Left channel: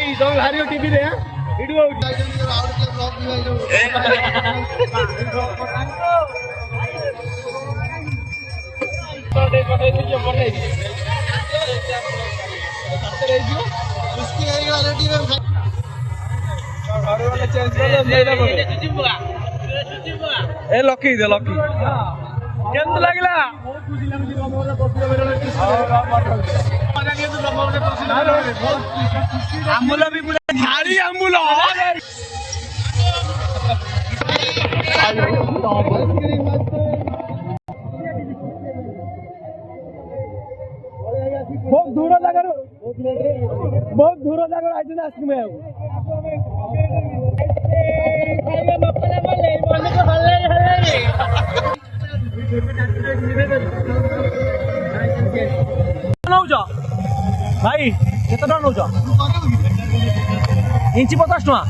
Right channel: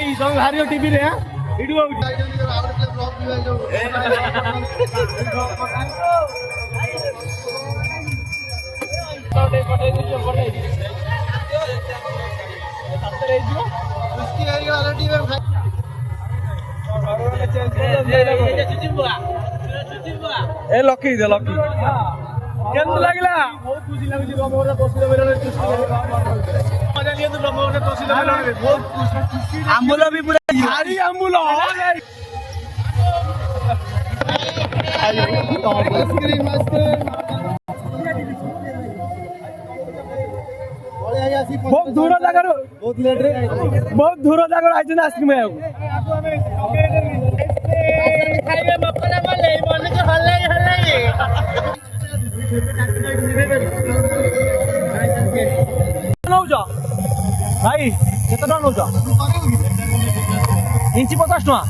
भाई सब हारियो टीवी रे वीडियो ए लकी दे लकी केंद लागला बहुत खुशी लाଗୁଛି ରମରେ ବସିଲା ବେଳେ ମଜା ନିଏ ତୁ ରମରେ ବସିଲା ବେଳେ ବହୁତ ଖୁସି ଆମ୍ବୁଲ ବି ପୁରା ଝାଡି ଆମ୍ବୁଲ बहुत दूर जागर बहुत दूर जागर आइछ ना आइसक्रीम खाइबे मपना बोले मन के भल लागे नौजा भाई केते टका नौजा इंची 50 टका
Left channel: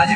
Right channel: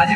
आज